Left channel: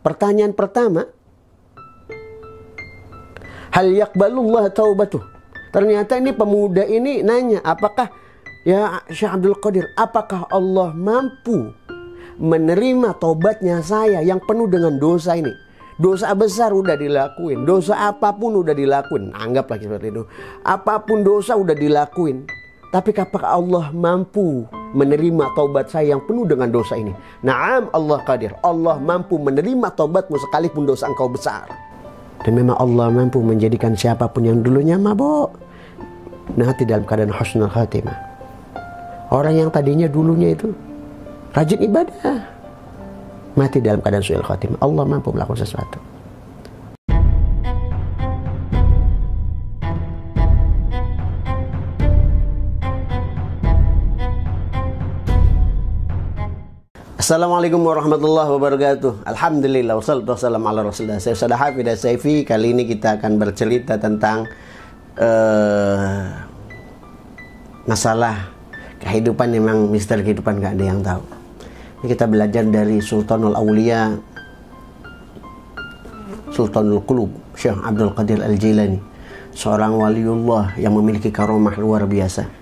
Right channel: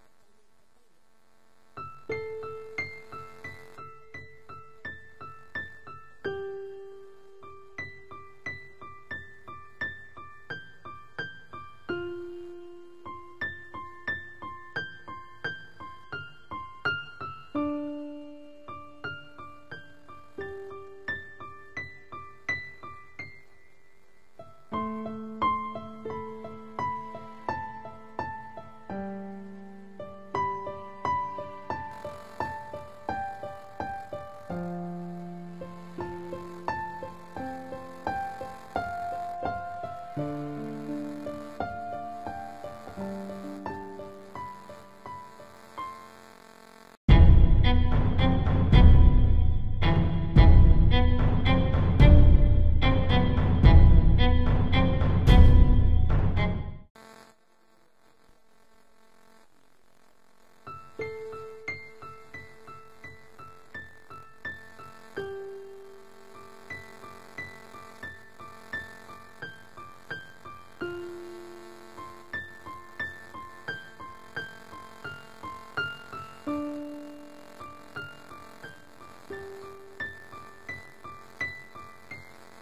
Pertanyaan pertama, hal yaqbalullah taubatuh. Ternyata ini pemuda ini nanya, apakah ya Syekh Abdul Qadir, apakah Allah mampu menerima tobatnya saya yang penuh dengan dosa ini? Dosa besar udah dilakuin, dosa apapun udah dilakuin, anggaplah seperti itu. Apapun dosa udah dilakuin. Tapi apakah Allah mampu menerima taubat saya yang penuh dengan dosa ini? Naam, Allah qadir. Allah mampu menerima taubatmu sekalipun dosa engkau besar. Dan memang Allah mampu menjadikan siapapun yang dulunya mabuk nanti dalam keadaan husnul khatimah. Orang yang tadinya dulunya itu rajin ibadah, mati dalam keadaan su'il khatimah. Allah mampu melakukan sesuatu. Assalamualaikum warahmatullahi wabarakatuh. Alhamdulillah wassalatu wassalamu ala rasulillah. Saya Ustaz Hafidz Saifi. Kali ini kita akan bercerita tentang masalah kehidupan. Memang misteri kehidupan gak ada yang tahu. Ini kita belajar dari Sultanul Aulia, Sultanul Qulub, Syekh Abdul Qadir Al-Jilani, seorang waliullah yang memiliki karomah luar biasa.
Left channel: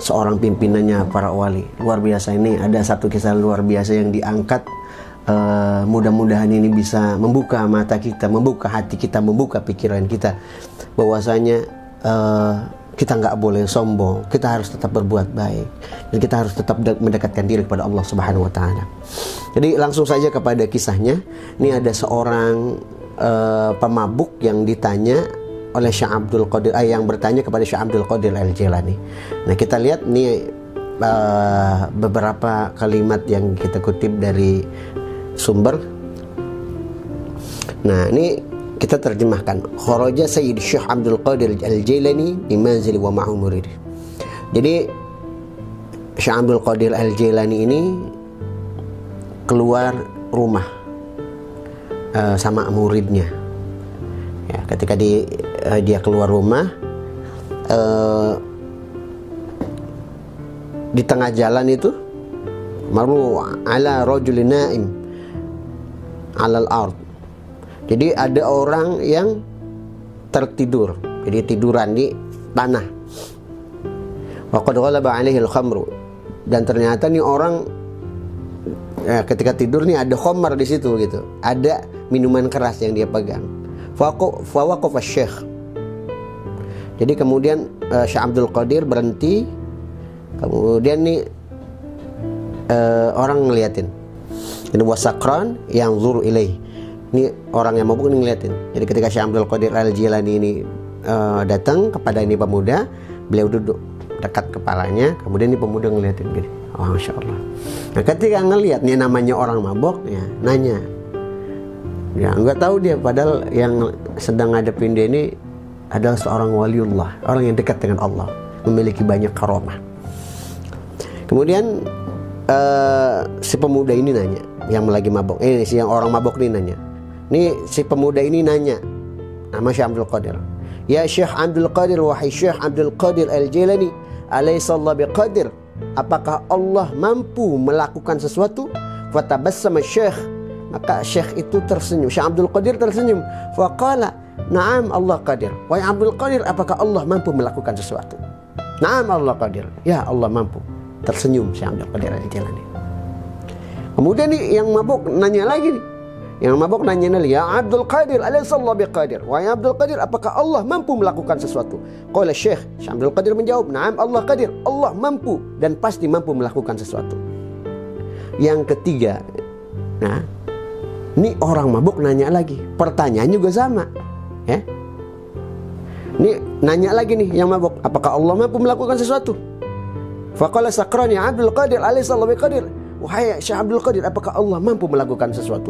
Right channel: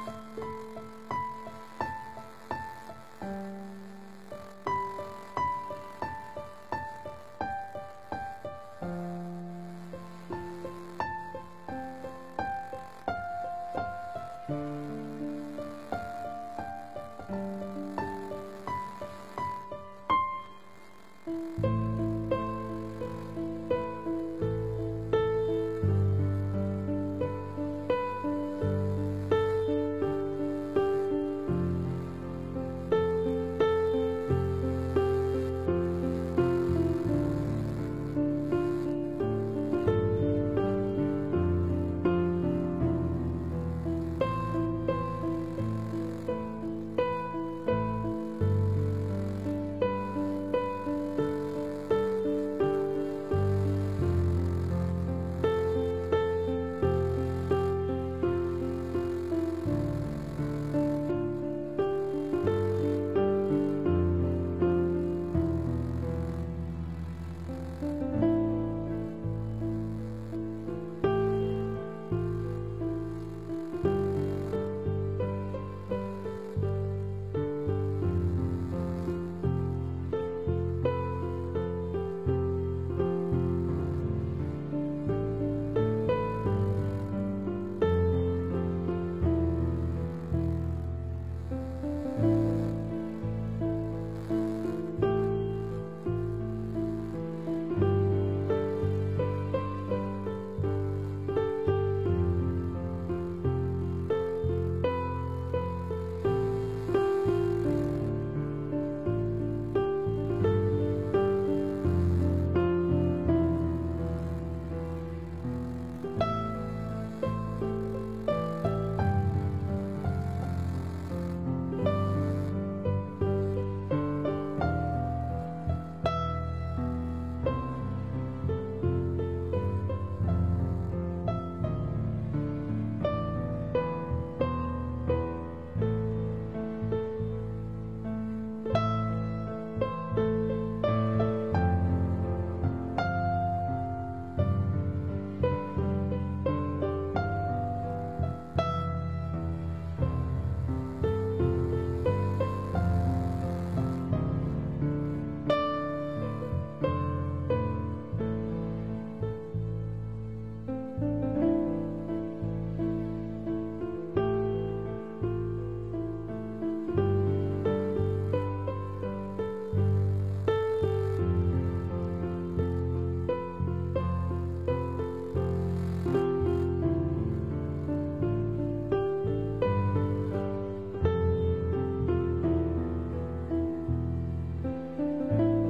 Seorang pimpinannya para wali luar biasa. Ini ada satu kisah luar biasa yang diangkat. Mudah-mudahan ini bisa membuka mata kita, membuka hati kita, membuka pikiran kita, bahwasanya kita nggak boleh sombong, kita harus tetap berbuat baik, dan kita harus tetap mendekatkan diri kepada Allah Subhanahu Wa Taala. Jadi langsung saja kepada kisahnya. Ini ada seorang pemabuk yang ditanya oleh Syekh Abdul Qadir, yang bertanya kepada Syekh Abdul Qadir Al-Jilani. Nah, kita lihat nih beberapa kalimat yang kita kutip dari sumber. Nah, ini kita terjemahkan. Kharaja Sayyid Syekh Abdul Qadir Al-Jilani di manzil wa ma'u murid. Jadi Syekh Abdul Qadir Al-Jilani ini keluar rumah sama muridnya. Ya, ketika dia keluar rumah, di tengah jalan itu maru ala rajulin naim alal ard. Jadi ada orang yang tertidur, jadi tiduran di tanah. Wa qad ghalaba alaihi al-khamru. Dan ternyata nih orang ketika tidur nih ada khamar di situ gitu. Ada minuman keras yang dia pegang. Fa waqafa syekh. Jadi kemudian Syekh Abdul Qadir berhenti. Kemudian nih orang ngeliatin. Ini wasakran yang zuru ilaih. Ini orang yang mabuk ini ngeliatin. Jadi ketika Syekh Abdul Qadir Al-Jilani ini datang kepada ini pemuda, beliau duduk dekat kepalanya. Kemudian ini pemuda ngeliatin gini. Oh, Masya Allah. Nah, ketika ngeliat nih namanya orang mabuk, ya nanya. Ya nggak tahu dia, padahal yang sedang ngadepin dia ini adalah seorang waliullah, orang yang dekat dengan Allah, memiliki banyak karomah. Kemudian si pemuda ini nanya, yang lagi mabuk, si yang orang mabuk ini nanya. Nih si pemuda ini nanya, nama Syekh Abdul Qadir. Ya Syekh Abdul Qadir, wahai Syekh Abdul Qadir Al-Jilani, alaysa Allah biqadir? Apakah Allah mampu melakukan sesuatu? Fatabassama Syekh. Maka Syekh itu tersenyum, Syekh Abdul Qadir tersenyum. Faqala, na'am Allah qadir. Wahai Abdul Qadir, apakah Allah mampu melakukan sesuatu? Na'am Allah qadir. Ya, Allah mampu. Tersenyum Syekh Abdul Qadir Al-Jilani. Kemudian nih yang mabuk nanya lagi nih. Yang mabuk nanya lagi, ya Abdul Qadir, alaysa Allah biqadir? Wahai Abdul Qadir, apakah Allah mampu melakukan sesuatu? Qala Syekh Abdul Qadir menjawab, na'am Allah qadir. Allah mampu dan pasti mampu melakukan sesuatu. Yang ketiga, nah, ini orang mabuk nanya lagi, pertanyaan juga sama, ya. Ini nanya lagi nih yang mabuk, apakah Allah mampu melakukan sesuatu? Faqala sakran ya Abdul Qadir, alaysa Allah biqadir? Wahai Syekh Abdul Qadir, apakah Allah mampu melakukan sesuatu?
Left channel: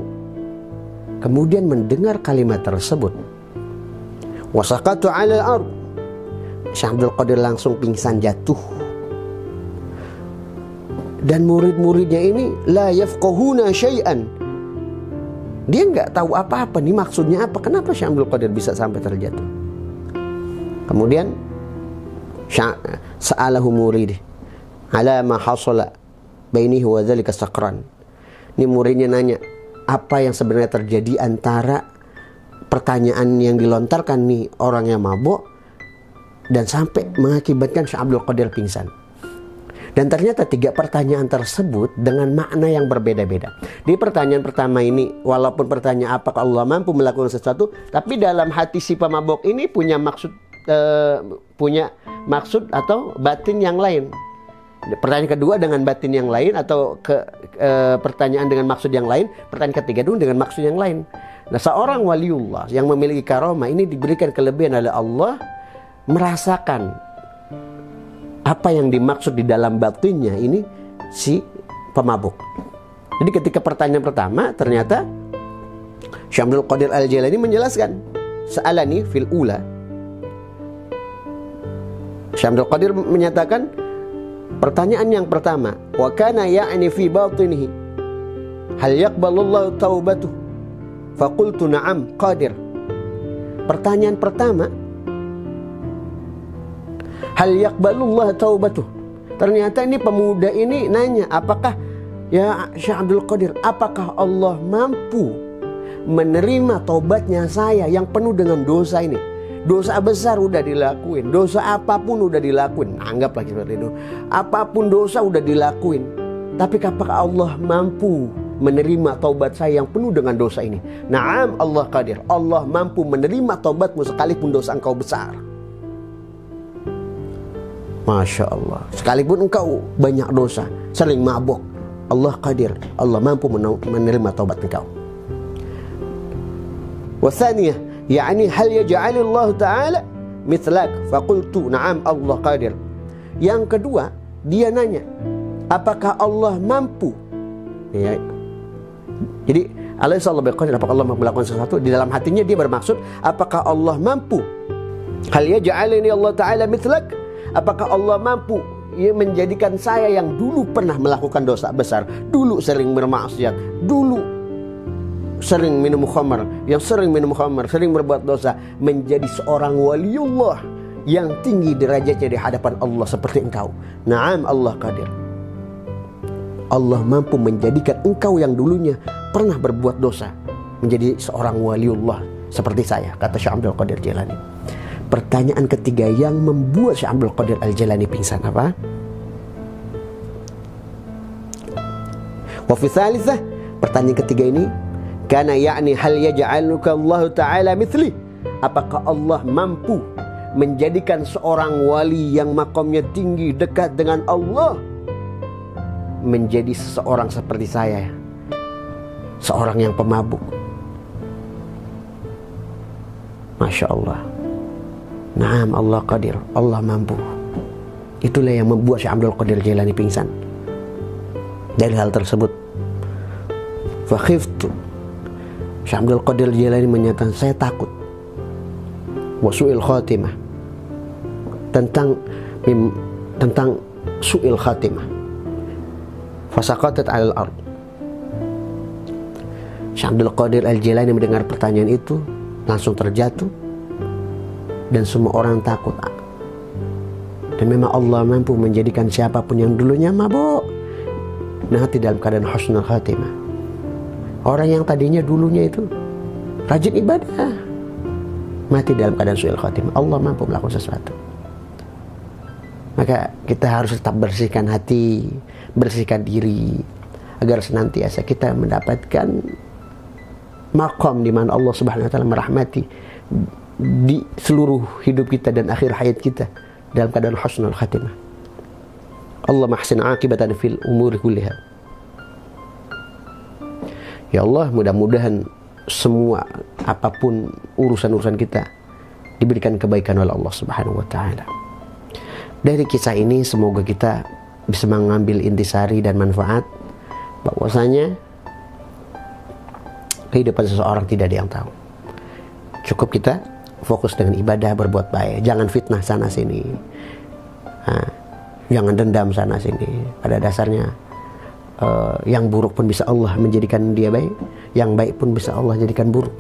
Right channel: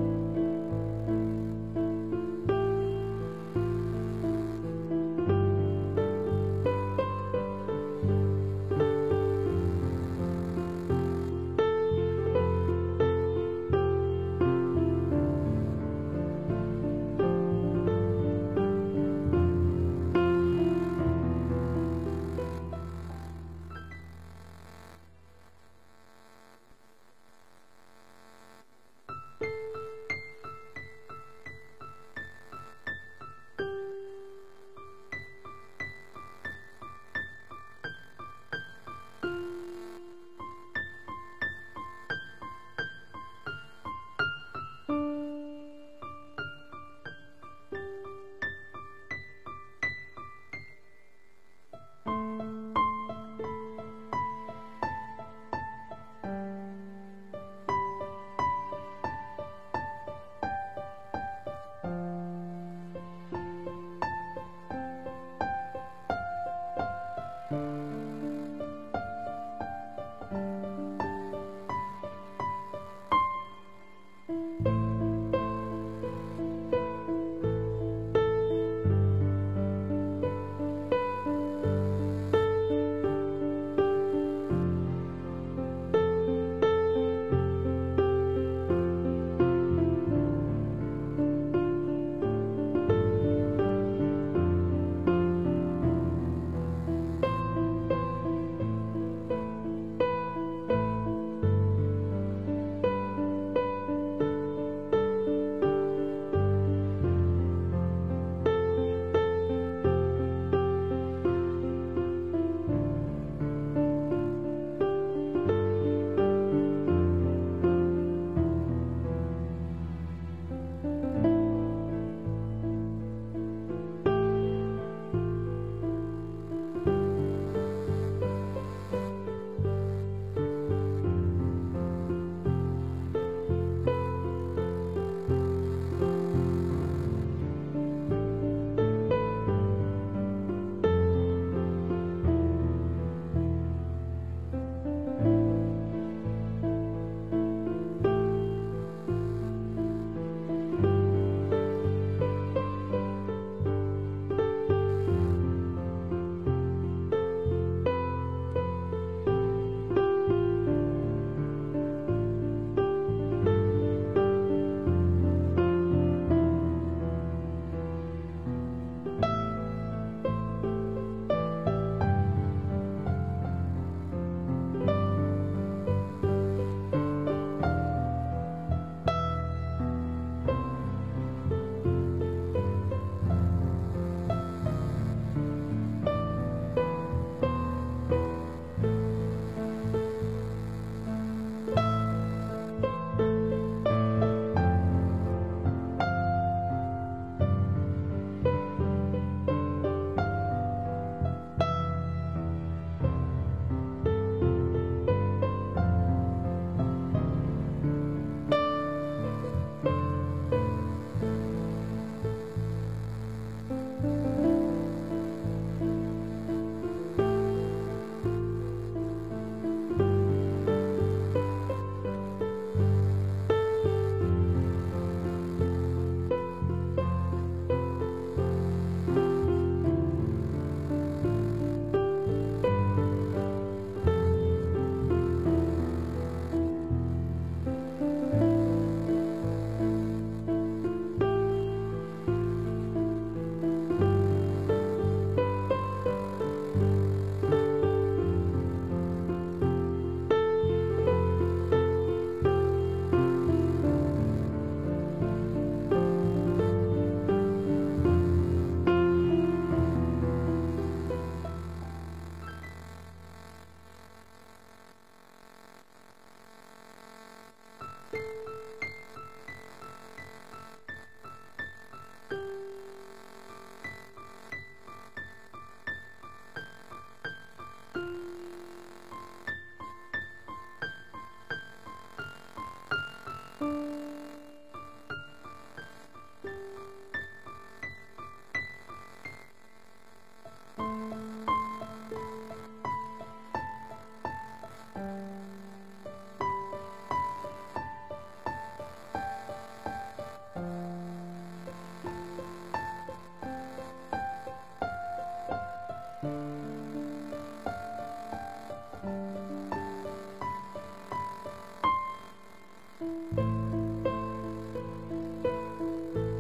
Kemudian mendengar kalimat tersebut, wasaqatu ala al-ard. Syekh Abdul Qadir langsung pingsan jatuh. Dan murid-muridnya ini la yafqahuna syai'an. Dia nggak tahu apa-apa nih maksudnya apa. Kenapa Syekh Abdul Qadir bisa sampai terjatuh? Kemudian sa'alahu murid ala ma hasala bainihi wa dzalika sakran. Ini muridnya nanya, apa yang sebenarnya terjadi antara pertanyaan yang dilontarkan nih orang yang mabuk dan sampai mengakibatkan Syekh Abdul Qadir pingsan. Dan ternyata 3 pertanyaan tersebut dengan makna yang berbeda-beda. Di pertanyaan pertama ini, walaupun pertanyaan apakah Allah mampu melakukan sesuatu, tapi dalam hati si pemabuk ini punya maksud atau batin yang lain. Pertanyaan kedua dengan batin yang lain, atau pertanyaan dengan maksud yang lain. Pertanyaan ketiga dulu dengan maksud yang lain. Nah, seorang waliullah yang memiliki karomah ini diberikan kelebihan oleh Allah merasakan apa yang dimaksud di dalam batinnya ini si pemabuk. Jadi ketika pertanyaan pertama, ternyata Syekh Abdul Qadir Al-Jailani menjelaskan, sa'alani fil ula. Syekh Abdul Qadir menyatakan pertanyaan yang pertama, wa kana ya'ni fi batinihi hal yaqbalullahu taubatuh, faqultu na'am qadir. Pertanyaan pertama, hal yaqbalullah taubatuh. Ternyata ini pemuda ini nanya, apakah ya Syekh Abdul Qadir, apakah Allah mampu menerima taubatnya saya yang penuh dengan dosa ini? Dosa besar udah dilakuin, dosa apapun udah dilakuin, anggaplah seperti itu. Apapun dosa udah dilakuin, tapi apakah Allah mampu menerima taubat saya yang penuh dengan dosa ini? Naam Allah qadir. Allah mampu menerima taubatmu sekalipun dosa engkau besar. Masya Allah. Sekalipun engkau banyak dosa, sering mabuk, Allah qadir. Allah mampu menerima taubat engkau. Wasaniyah, yakni hal yaj'alillahu ta'ala mithlak, faqultu na'am Allah qadir. Yang kedua, dia nanya, apakah Allah mampu? Ya. Jadi Alaihissallahu biqadir, apakah Allah mampu melakukan sesuatu? Di dalam hatinya dia bermaksud, apakah Allah mampu? Hal yaj'alini Allah ta'ala mithlak, apakah Allah mampu menjadikan saya yang dulu pernah melakukan dosa besar, dulu sering bermaksiat, dulu sering minum khamar, sering berbuat dosa, menjadi seorang waliullah yang tinggi derajatnya di hadapan Allah seperti engkau? Naam Allah qadir. Allah mampu menjadikan engkau yang dulunya pernah berbuat dosa menjadi seorang waliullah seperti saya, kata Syekh Abdul Qadir Jailani. Pertanyaan ketiga yang membuat Syekh Abdul Qadir Al-Jailani pingsan apa? Wa fi thalithah, pertanyaan ketiga ini, kana ya'ni hal yaj'aluka Allah Ta'ala mithli, apakah Allah mampu menjadikan seorang wali yang makamnya tinggi dekat dengan Allah menjadi seseorang seperti saya, seorang yang pemabuk? Masya Allah. Naam Allah qadir, Allah mampu. Itulah yang membuat Syekh Abdul Qadir Jailani pingsan. Dari hal tersebut, fakhiftu, Syekh Abdul Qadir Jailani menyatakan, saya takut, wasu'il khatimah, tentang su'il khatimah. Fasaqatat 'alal ard. Syekh Abdul Qadir Al-Jailani mendengar pertanyaan itu langsung terjatuh, dan semua orang takut. Dan memang Allah mampu menjadikan siapapun yang dulunya mabuk mati dalam keadaan husnul khatimah. Orang yang tadinya dulunya itu rajin ibadah mati dalam keadaan su'il khatimah. Allah mampu melakukan sesuatu. Maka kita harus tetap bersihkan hati, bersihkan diri, agar senantiasa kita mendapatkan maqam di mana Allah Subhanahu wa taala merahmati di seluruh hidup kita dan akhir hayat kita dalam keadaan husnul khatimah. Allah mahsin aqibatan fil umuri kulliha. Ya Allah, mudah-mudahan semua apapun urusan-urusan kita diberikan kebaikan oleh Allah Subhanahu wa taala. Dari kisah ini semoga kita bisa mengambil intisari dan manfaat bahwasanya kehidupan seseorang tidak ada yang tahu. Cukup kita fokus dengan ibadah, berbuat baik, jangan fitnah sana sini, jangan dendam sana sini. Pada dasarnya yang buruk pun bisa Allah menjadikan dia baik, yang baik pun bisa Allah jadikan buruk.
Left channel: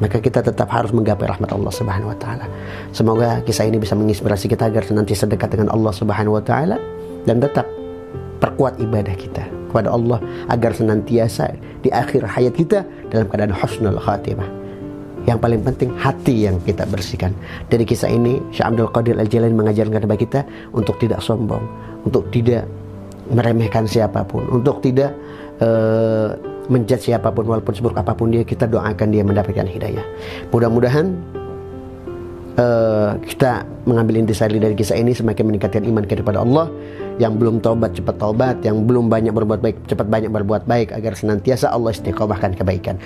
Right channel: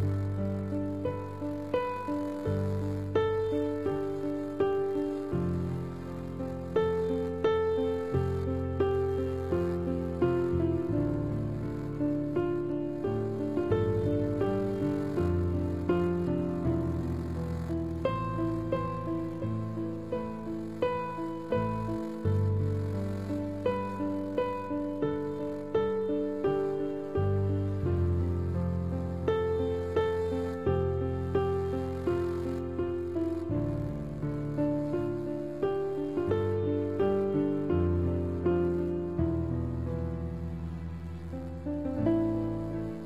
Maka kita tetap harus menggapai rahmat Allah Subhanahu wa taala. Semoga kisah ini bisa menginspirasi kita agar senantiasa dekat dengan Allah Subhanahu wa taala dan tetap perkuat ibadah kita. kepada Allah agar senantiasa di akhir hayat kita dalam keadaan husnul khatimah. Yang paling penting hati yang kita bersihkan. Dari kisah ini Syekh Abdul Qadir Al-Jailani mengajarkan kepada kita untuk tidak sombong, untuk tidak meremehkan siapapun, untuk tidak menjudge siapapun walaupun seburuk apapun dia. Kita doakan dia mendapatkan hidayah. Mudah-mudahan kita mengambil intisari dari kisah ini semakin meningkatkan iman kita kepada Allah. Yang belum taubat cepat taubat, yang belum banyak berbuat baik cepat banyak berbuat baik, agar senantiasa Allah istiqomahkan kebaikan.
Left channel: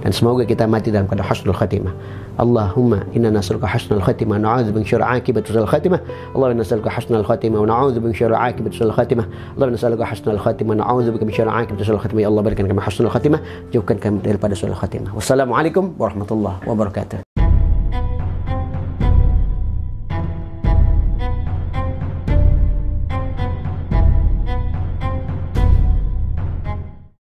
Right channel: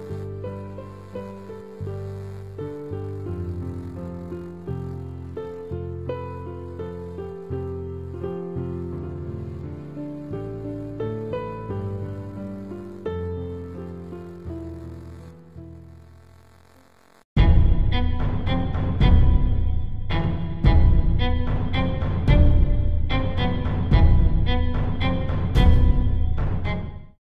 Dan semoga kita mati dalam keadaan husnul khatimah. Allahumma inna nas'aluka husnul khatimah wa na'udzu bika min syarri aqibati su'il khatimah. Allahumma nas'aluka husnul khatimah wa na'udzu bika min syarri aqibati su'il khatimah. Allahumma nas'aluka husnul khatimah wa na'udzu bika min syarri aqibati su'il khatimah. Ya Allah, berikan kami husnul khatimah, jauhkan kami daripada su'il khatimah. Wassalamualaikum warahmatullahi wabarakatuh.